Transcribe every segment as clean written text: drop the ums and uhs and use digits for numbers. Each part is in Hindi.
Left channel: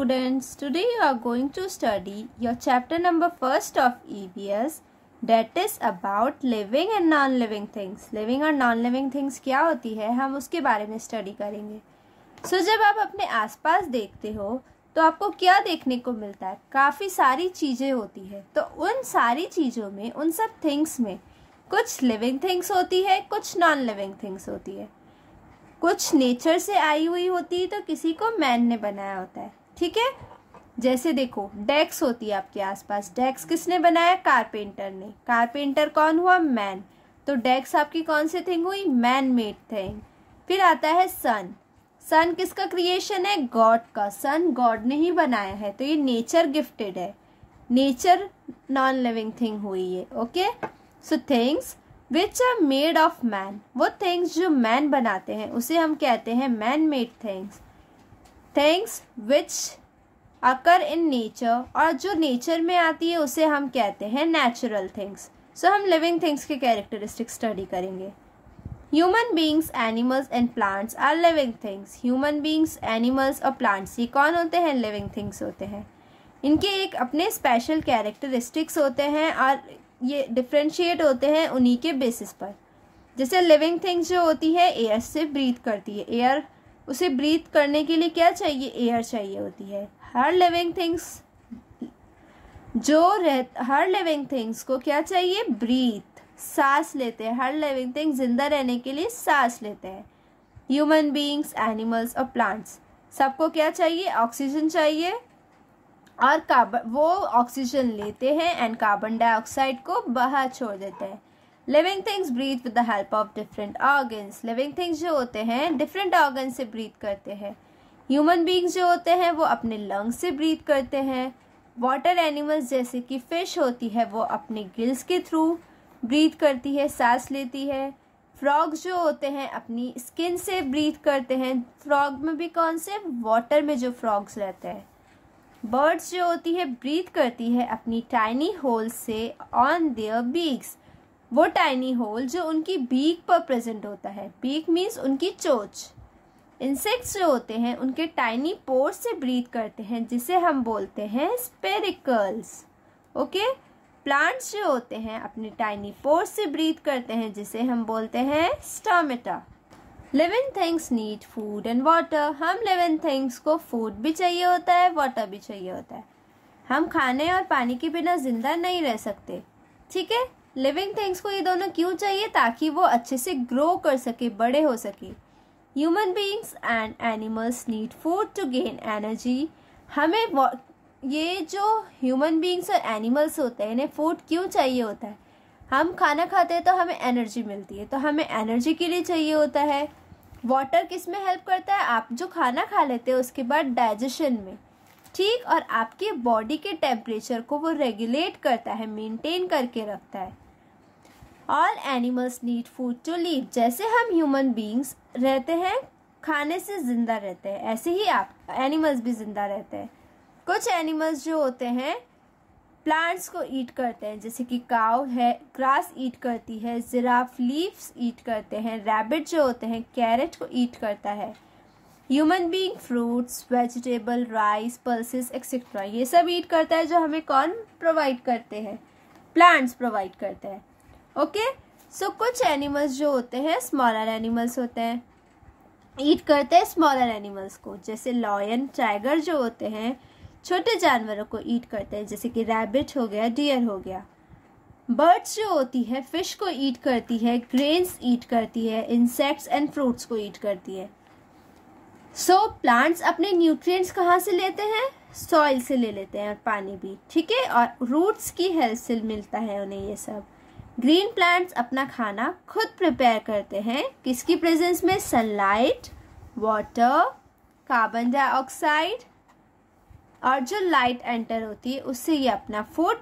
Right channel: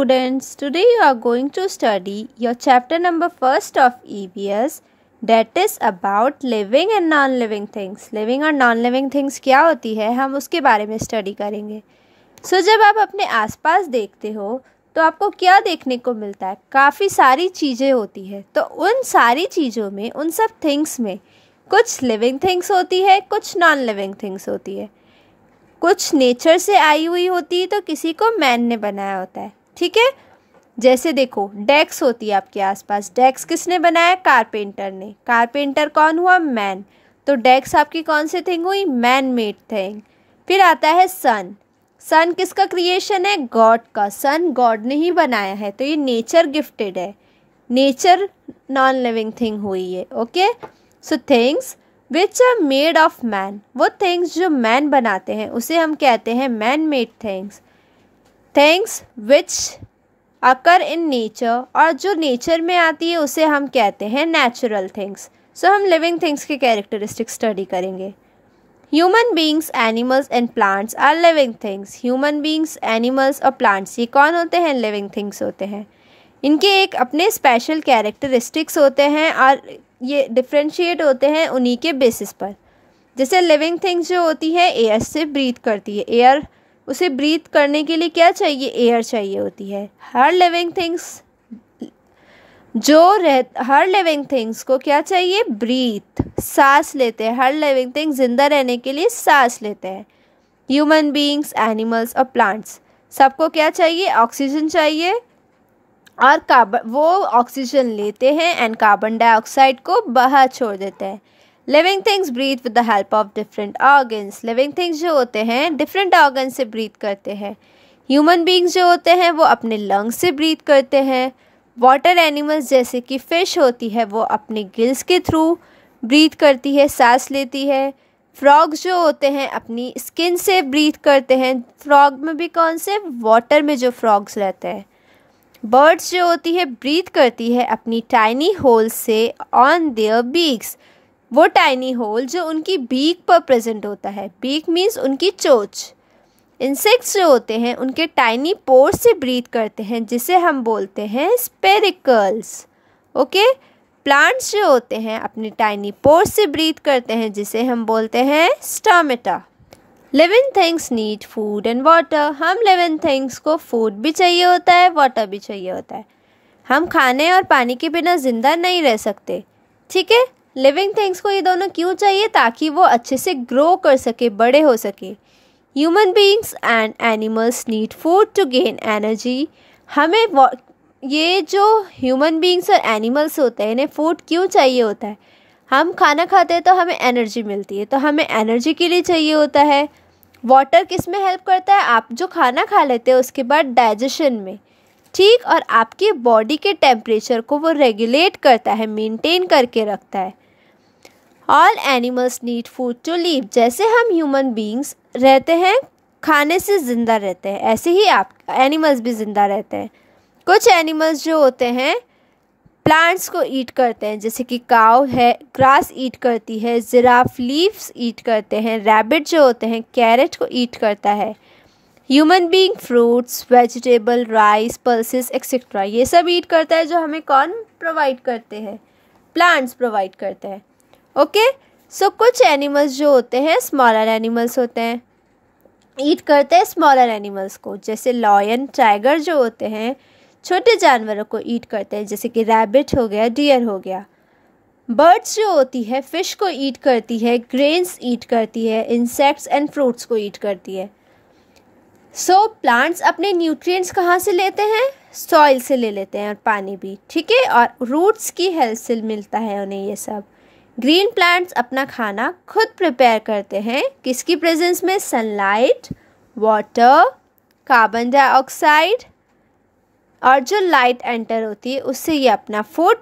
Students, today you are going to study your chapter number first of EVS, that is about living and non-living things. Living और non-living things क्या होती है, हम उसके बारे में स्टडी करेंगे. जब आप अपने आसपास देखते हो तो आपको क्या देखने को मिलता है? काफ़ी सारी चीज़ें होती है. तो उन सारी चीज़ों में, उन सब थिंग्स में कुछ लिविंग थिंग्स होती है, कुछ नॉन लिविंग थिंग्स होती है. कुछ नेचर से आई हुई होती है तो किसी को मैन ने बनाया होता है. ठीक है, जैसे देखो डेस्क होती है आपके आसपास. डेस्क किसने बनाया? कारपेंटर ने. कारपेंटर कौन हुआ? मैन. तो डेस्क आपकी कौन सी थिंग हुई? Man made thing. फिर आता है सन. सन किसका क्रिएशन है? गॉड का. सन गॉड ने ही बनाया है, तो ये नेचर गिफ्टेड है. नेचर नॉन लिविंग थिंग हुई है. Okay, so things which are made of man, वो थिंग्स जो मैन बनाते हैं उसे हम कहते हैं man made things. Things which occur in nature, और जो नेचर में आती है उसे हम कहते हैं नेचुरल थिंग्स. सो हम लिविंग थिंग्स के कैरेक्टरिस्टिक्स स्टडी करेंगे. Human beings, animals and plants are living things. Human beings, animals और प्लांट्स ये कौन होते हैं? लिविंग थिंग्स होते हैं. इनके एक अपने स्पेशल कैरेक्टरिस्टिक्स होते हैं और ये डिफ्रेंशिएट होते हैं उन्हीं के बेसिस पर. जैसे लिविंग थिंग्स जो होती है एयर से ब्रीथ करती है. एयर, उसे ब्रीथ करने के लिए क्या चाहिए? एयर चाहिए होती है. हर लिविंग थिंग्स को क्या चाहिए? ब्रीथ, सांस लेते हैं. हर लिविंग थिंग जिंदा रहने के लिए सांस लेते हैं. ह्यूमन बीइंग्स, एनिमल्स और प्लांट्स सबको क्या चाहिए? ऑक्सीजन चाहिए, और कार्बन, वो ऑक्सीजन लेते हैं एंड कार्बन डाइऑक्साइड को बाहर छोड़ देते हैं. Living things breathe with the help of different organs. Living things जो होते हैं डिफरेंट ऑर्गन से ब्रीथ करते हैं. ह्यूमन बीइंग्स जो होते हैं वो अपने लंग्स से ब्रीथ करते हैं. वाटर एनिमल्स जैसे कि फ़िश होती है वो अपने गिल्स के थ्रू ब्रीथ करती है, सांस लेती है. फ्रॉग्स जो होते हैं अपनी स्किन से ब्रीथ करते हैं. फ्रॉग में भी कौन से? वाटर में जो फ्रॉग्स रहते हैं. बर्ड्स जो होती है ब्रीथ करती है अपनी टाइनी होल से ऑन देयर बीक्स. वो टाइनी होल जो उनकी बीक पर प्रेजेंट होता है. बीक मीन्स उनकी चोंच. इंसेक्ट्स जो होते हैं उनके टाइनी पोर से ब्रीथ करते हैं, जिसे हम बोलते हैं स्पेरिकल्स. ओके, प्लांट्स जो होते हैं अपने टाइनी पोर से ब्रीथ करते हैं, जिसे हम बोलते हैं stomata. Living things need food and water. हम लिविंग थिंग्स को फूड भी चाहिए होता है, वाटर भी चाहिए होता है. हम खाने और पानी के बिना ज़िंदा नहीं रह सकते. ठीक है, लिविंग थिंग्स को ये दोनों क्यों चाहिए? ताकि वो अच्छे से ग्रो कर सके, बड़े हो सके. Human beings and animals need food to gain energy. हमें ये जो ह्यूमन बीइंग्स और एनिमल्स होते हैं इन्हें फूड क्यों चाहिए होता है? हम खाना खाते हैं तो हमें एनर्जी मिलती है, तो हमें एनर्जी के लिए चाहिए होता है. वाटर किस में हेल्प करता है? आप जो खाना खा लेते हैं उसके बाद डाइजेशन में. ठीक, और आपकी बॉडी के टेम्परेचर को वो रेगुलेट करता है, मेंटेन करके रखता है. All animals need food to live. जैसे हम ह्यूमन बीइंग्स रहते हैं खाने से ज़िंदा रहते हैं, ऐसे ही आप एनिमल्स भी ज़िंदा रहते हैं. कुछ एनिमल्स जो होते हैं प्लांट्स को ईट करते हैं, जैसे कि काऊ है ग्रास ईट करती है, जिराफ लीव्स ईट करते हैं, रैबिट जो होते हैं कैरेट को ईट करता है. Human being fruits, vegetable, rice, pulses etcetera ये सब ईट करता है, जो हमें कौन प्रोवाइड करते हैं? प्लांट्स प्रोवाइड करते हैं. ओके, सो कुछ एनिमल्स जो होते हैं स्मॉलर एनिमल्स होते हैं, ईट करते हैं स्मॉलर एनिमल्स को. जैसे लॉयन, टाइगर जो होते हैं छोटे जानवरों को ईट करते हैं, जैसे कि रैबिट हो गया, डियर हो गया. बर्ड्स जो होती है फिश को ईट करती है, ग्रेन्स ईट करती है, इंसेक्ट्स एंड फ्रूट्स को ईट करती है. सो प्लांट्स अपने न्यूट्रिएंट्स कहाँ से लेते हैं? सॉइल से ले लेते हैं, और पानी भी. ठीक है, और रूट्स की हेल्प से मिलता है उन्हें ये सब. ग्रीन प्लांट्स अपना खाना खुद प्रिपेयर करते हैं, किसकी प्रेजेंस में? सनलाइट, वाटर, कार्बन डाइऑक्साइड, और जो लाइट एंटर होती है उससे ये अपना फूड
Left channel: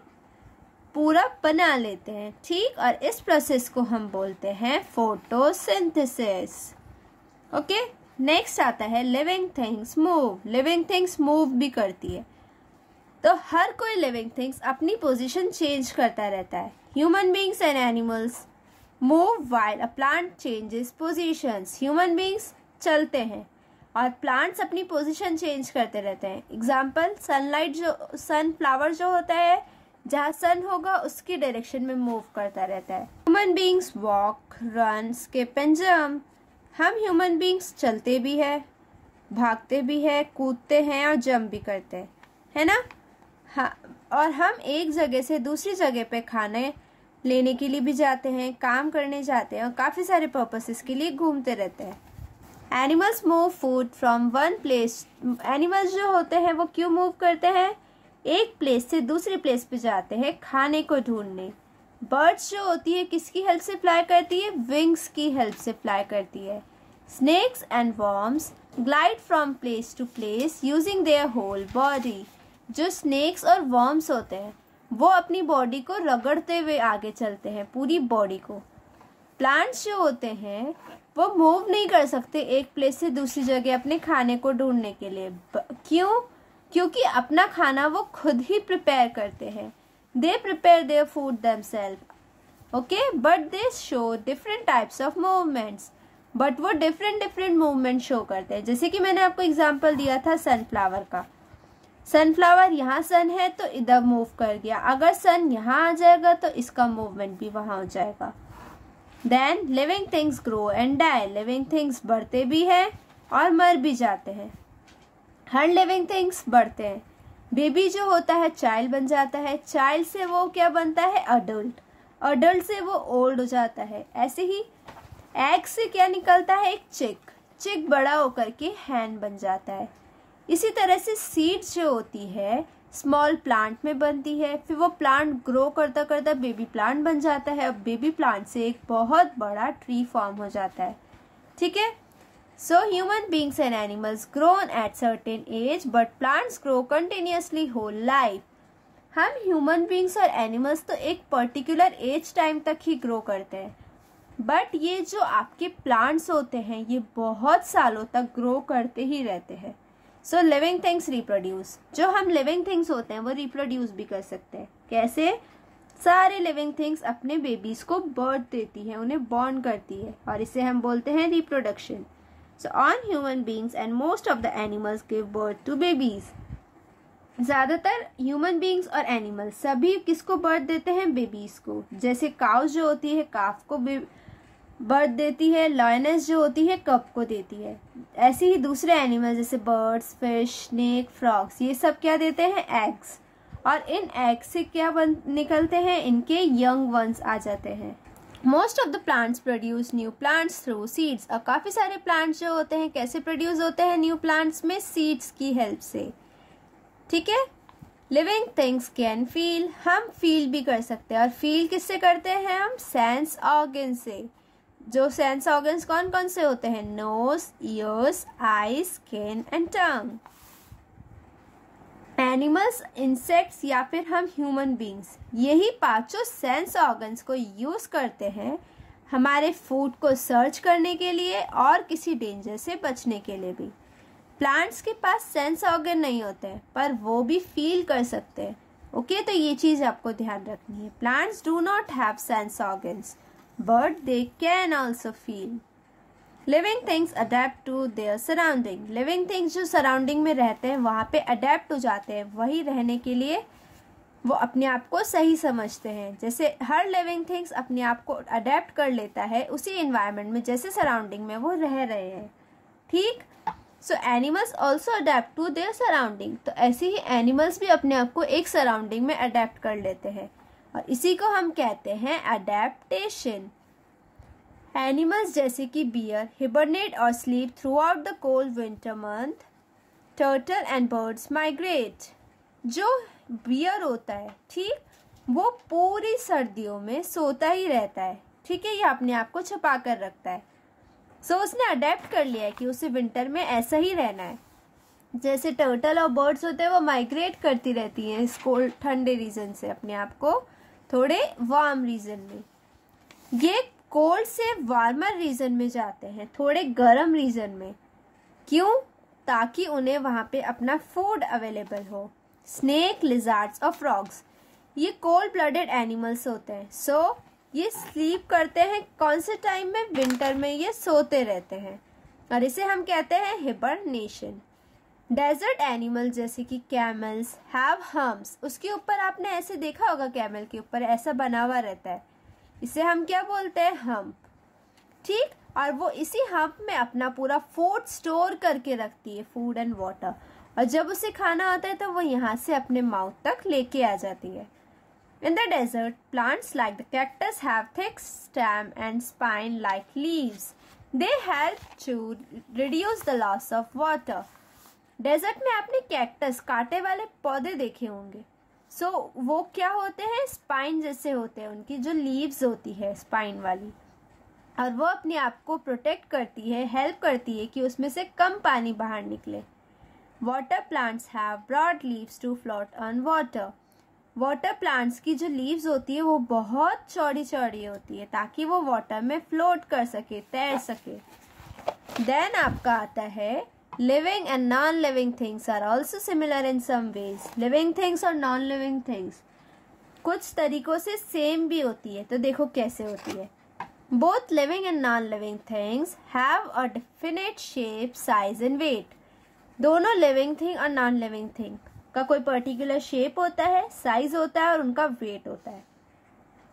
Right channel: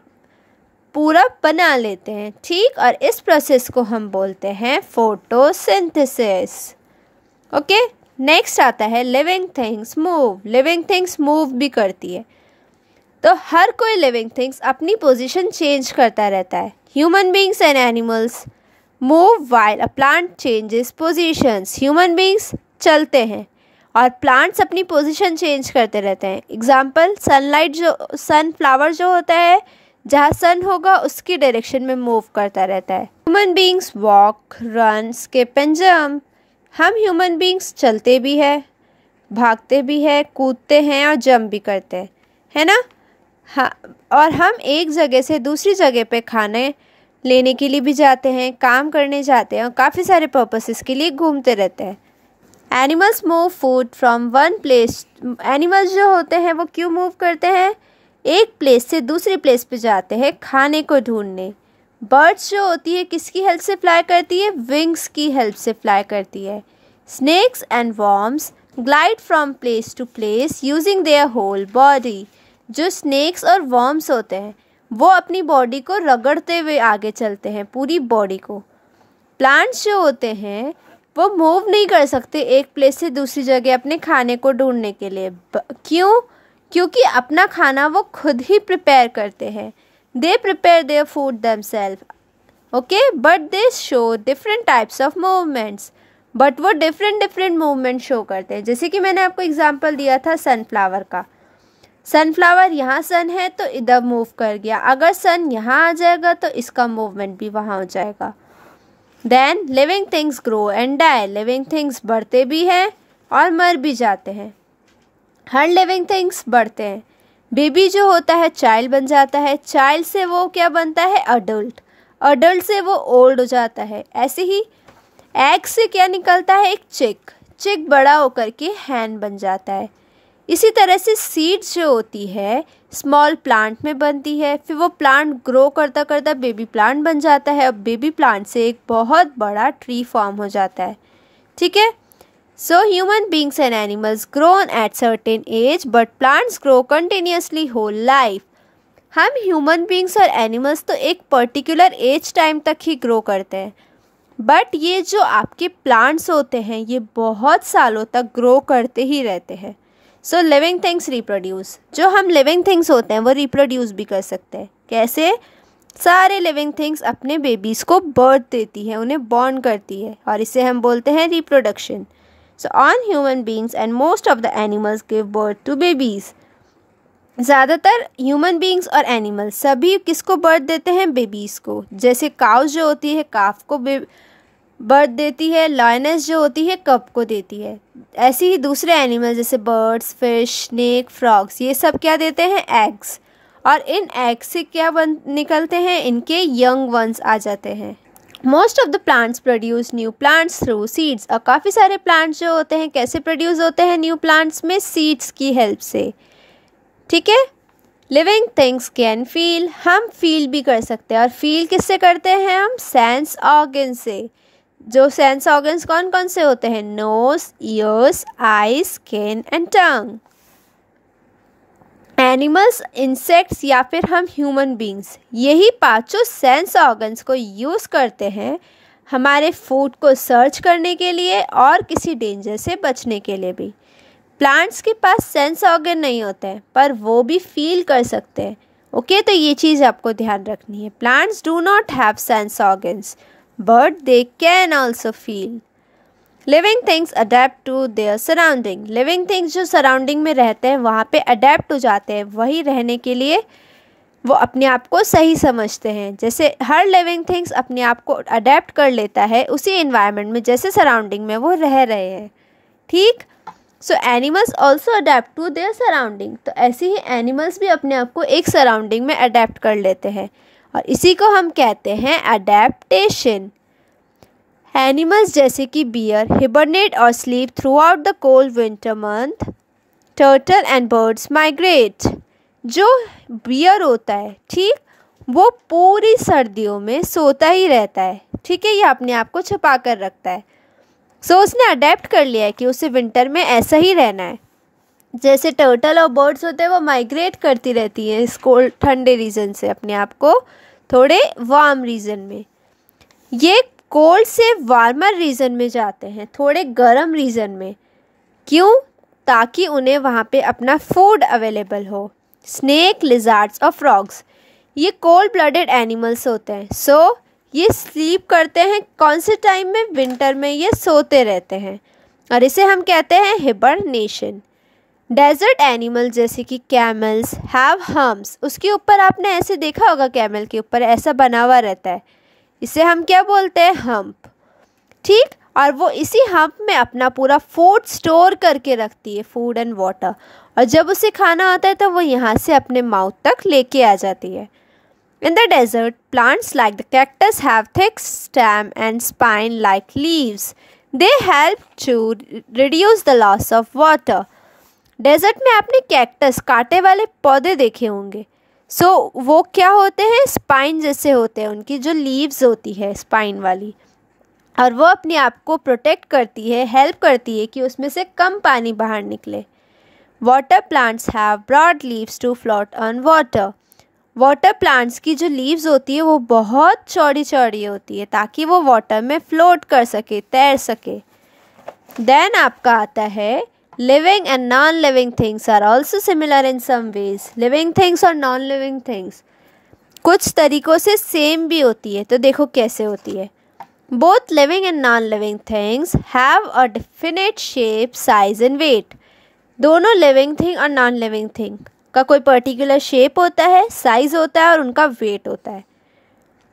पूरा बना लेते हैं. ठीक, और इस प्रोसेस को हम बोलते हैं फोटोसिंथेसिस. ओके, नेक्स्ट आता है living things move. Living things move भी करती है, तो हर कोई लिविंग थिंग्स अपनी पोजीशन चेंज करता रहता है. Human beings and animals move while a plant changes positions. Human beings चलते हैं और प्लांट्स अपनी पोजीशन चेंज करते रहते हैं। एग्जाम्पल, सनलाइट जो सनफ्लावर जो होता है, जहाँ सन होगा उसकी डायरेक्शन में मूव करता रहता है। Human beings walk, run, skip and jump. हम ह्यूमन बींग्स चलते भी हैं, भागते भी हैं, कूदते हैं और जंप भी करते हैं, है ना। हाँ, और हम एक जगह से दूसरी जगह पे खाने लेने के लिए भी जाते हैं, काम करने जाते हैं और काफ़ी सारे पर्पसेस के लिए घूमते रहते हैं। Animals move food from one place. Animals जो होते हैं वो क्यों मूव करते हैं? एक प्लेस से दूसरी प्लेस पे जाते हैं खाने को ढूंढने। बर्ड्स जो होती है किसकी हेल्प से फ्लाई करती है? विंग्स की हेल्प से फ्लाई करती है। Snakes and worms glide from place to place using their whole body. जो स्नेक्स और वर्म्स होते हैं वो अपनी बॉडी को रगड़ते हुए आगे चलते हैं, पूरी बॉडी को। प्लांट्स जो होते हैं वो मूव नहीं कर सकते एक प्लेस से दूसरी जगह अपने खाने को ढूंढने के लिए। क्यों? क्योंकि अपना खाना वो खुद ही प्रिपेयर करते हैं। They prepare their food themself, okay, but they show different types of movements. But वो डिफरेंट मूवमेंट शो करते हैं। जैसे कि मैंने आपको एग्जांपल दिया था सनफ्लावर का। सनफ्लावर यहाँ सन है तो इधर मूव कर गया, अगर सन यहाँ आ जाएगा तो इसका मूवमेंट भी वहाँ हो जाएगा। Then living things grow and die. Living things बढ़ते भी हैं और मर भी जाते हैं। हर लिविंग थिंग्स बढ़ते हैं। बेबी जो होता है चाइल्ड बन जाता है, चाइल्ड से वो क्या बनता है? अडल्ट। अडल्ट से वो ओल्ड हो जाता है। ऐसे ही एग से क्या निकलता है? एक चिक। चिक बड़ा होकर के हैन बन जाता है। इसी तरह से सीड्स जो होती है स्मॉल प्लांट में बनती है, फिर वो प्लांट ग्रो करता करता बेबी प्लांट बन जाता है। अब बेबी प्लांट से एक बहुत बड़ा ट्री फॉर्म हो जाता है, ठीक है। So human beings and animals grown at certain age but plants grow continuously whole life. हम ह्यूमन बींग्स और एनिमल्स तो एक पर्टिकुलर एज टाइम तक ही ग्रो करते हैं, बट ये जो आपके प्लांट्स होते हैं ये बहुत सालों तक ग्रो करते ही रहते हैं। सो लिविंग थिंग्स रिप्रोड्यूस। जो हम लिविंग थिंग्स होते हैं वो रिप्रोड्यूस भी कर सकते हैं। कैसे? सारे लिविंग थिंग्स अपने बेबीज़ को बर्थ देती है, उन्हें बॉर्न करती है, और इसे हम बोलते हैं reproduction. So on human beings and most of the animals give birth to babies. ज़्यादातर ह्यूमन बींग्स और एनिमल्स सभी किसको बर्थ देते हैं? बेबीज़ को। जैसे काउस जो होती है काफ को बर्थ देती है, लायनेस जो होती है कब को देती है। ऐसे ही दूसरे एनिमल जैसे बर्ड्स, फिश, स्नेक, फ्रॉग्स, ये सब क्या देते हैं? एग्स। और इन एग्स से क्या निकलते हैं? इनके यंग वंस आ जाते हैं। Most of the plants produce new plants through seeds. और काफ़ी सारे प्लांट्स जो होते हैं कैसे प्रोड्यूस होते हैं न्यू प्लांट्स में? सीड्स की हेल्प से, ठीक है। Living things can feel. हम फील भी कर सकते हैं, और फील किससे करते हैं हम? सेंस ऑर्गन से। जो सेंस ऑर्गन्स कौन कौन से होते हैं? Nose, ears, eyes, skin and tongue. Animals, insects या फिर हम ह्यूमन बींग्स, यही पांचों सेंस ऑर्गन्स को यूज़ करते हैं हमारे फूड को सर्च करने के लिए और किसी डेंजर से बचने के लिए भी। प्लांट्स के पास सेंस ऑर्गन नहीं होते हैं पर वो भी फील कर सकते हैं, ओके। तो ये चीज़ आपको ध्यान रखनी है। Plants do not have sense organs but they can also feel. Living things adapt to their surrounding. Living things जो सराउंडिंग में रहते हैं वहाँ पे अडेप्ट हो जाते हैं, वही रहने के लिए वो अपने आप को सही समझते हैं। जैसे हर लिविंग थिंग्स अपने आप को अडेप्ट कर लेता है उसी इन्वायरमेंट में जैसे सराउंडिंग में वो रह रहे हैं, ठीक। So animals also adapt to their surrounding. तो ऐसे ही एनिमल्स भी अपने आप को एक सराउंडिंग में अडेप्ट कर लेते हैं, और इसी को हम कहते हैं अडेप्टेशन। एनिमल्स जैसे कि बियर हिबरनेट और sleep through out the cold winter month. Turtle and birds migrate. जो बियर होता है, ठीक, वो पूरी सर्दियों में सोता ही रहता है, ठीक है, ये अपने आप को छुपा कर रखता है। सो उसने अडेप्ट कर लिया है कि उसे विंटर में ऐसा ही रहना है। जैसे टर्टल और बर्ड्स होते हैं वो माइग्रेट करती रहती है इस कोल्ड ठंडे रीजन से अपने आप को थोड़े वार्म रीजन में। ये कोल्ड से वार्मर रीजन में जाते हैं, थोड़े गर्म रीजन में। क्यों? ताकि उन्हें वहाँ पे अपना फूड अवेलेबल हो। स्नेक, लिजार्ड्स और फ्रॉग्स ये कोल्ड ब्लडेड एनिमल्स होते हैं। सो ये स्लीप करते हैं कौन से टाइम में? विंटर में ये सोते रहते हैं। और इसे हम कहते हैं हिबरनेशन। डेजर्ट एनिमल जैसे कि कैमल्स हैव हम्स, उसके ऊपर आपने ऐसे देखा होगा, कैमल के ऊपर ऐसा बना हुआ रहता है, इसे हम क्या बोलते हैं, हम्प। ठीक, और वो इसी हम्प में अपना पूरा फूड स्टोर करके रखती है, फूड एंड वाटर, और जब उसे खाना आता है तो वो यहाँ से अपने माउथ तक लेके आ जाती है। In the desert, plants like the cactus have thick stem and spine like leaves. They help to reduce the loss of water. Desert में आपने कैक्टस, कांटे वाले पौधे देखे होंगे। वो क्या होते हैं, स्पाइन जैसे होते हैं, उनकी जो लीव्स होती है स्पाइन वाली, और वो अपने आप को प्रोटेक्ट करती है, हेल्प करती है कि उसमें से कम पानी बाहर निकले। Water plants have broad leaves to float on water. Water plants की जो लीव्स होती है वो बहुत चौड़ी चौड़ी होती है ताकि वो वाटर में फ्लोट कर सके, तैर सके। देन आपका आता है living and non living things are also similar in some ways. Living things और नॉन लिविंग थिंग्स कुछ तरीक़ों से सेम भी होती है, तो देखो कैसे होती है। Both living and non living things have a definite shape, size and weight. दोनों लिविंग थिंग और नॉन लिविंग थिंग का कोई पर्टिकुलर शेप होता है, साइज होता है और उनका वेट होता है।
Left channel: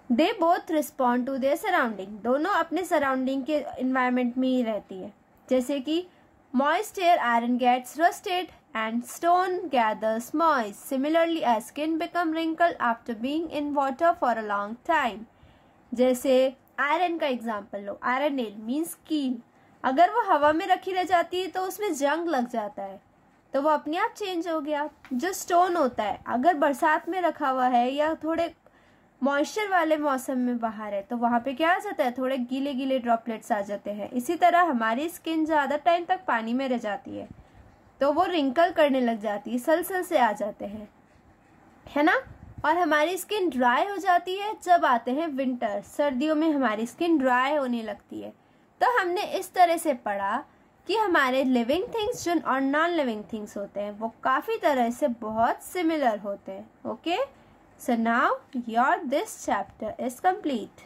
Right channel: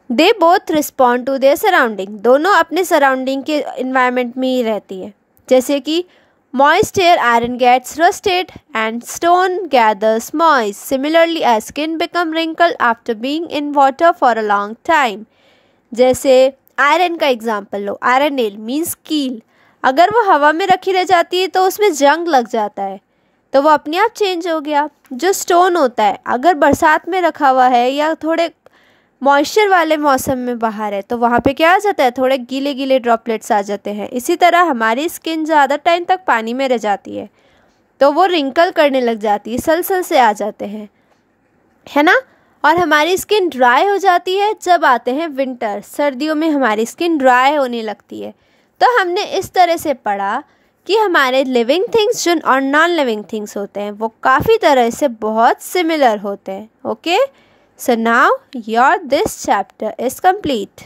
They both respond to their surrounding, दोनों अपने सराउंडिंग के इन्वायरमेंट में ही रहती है। जैसे कि moist air iron gets rusted and stone gathers moist, similarly as skin become wrinkle after being in water for a long time. जैसे आयरन का एग्जाम्पल लो, आयरन नेल मीन्स कील, अगर वो हवा में रखी रह जाती है तो उसमें जंग लग जाता है, तो वो अपने आप चेंज हो गया। जो स्टोन होता है, अगर बरसात में रखा हुआ है या थोड़े मॉइस्चर वाले मौसम में बाहर है तो वहाँ पे क्या आ जाता है, थोड़े गीले गीले ड्रॉपलेट्स आ जाते हैं। इसी तरह हमारी स्किन ज़्यादा टाइम तक पानी में रह जाती है तो वो रिंकल करने लग जाती है, सल से आ जाते हैं, है ना। और हमारी स्किन ड्राई हो जाती है जब आते हैं विंटर, सर्दियों में हमारी स्किन ड्राई होने लगती है। तो हमने इस तरह से पढ़ा कि हमारे लिविंग थिंग्स जो और नॉन लिविंग थिंग्स होते हैं वो काफ़ी तरह से बहुत सिमिलर होते हैं। Okay, so now your this chapter is complete.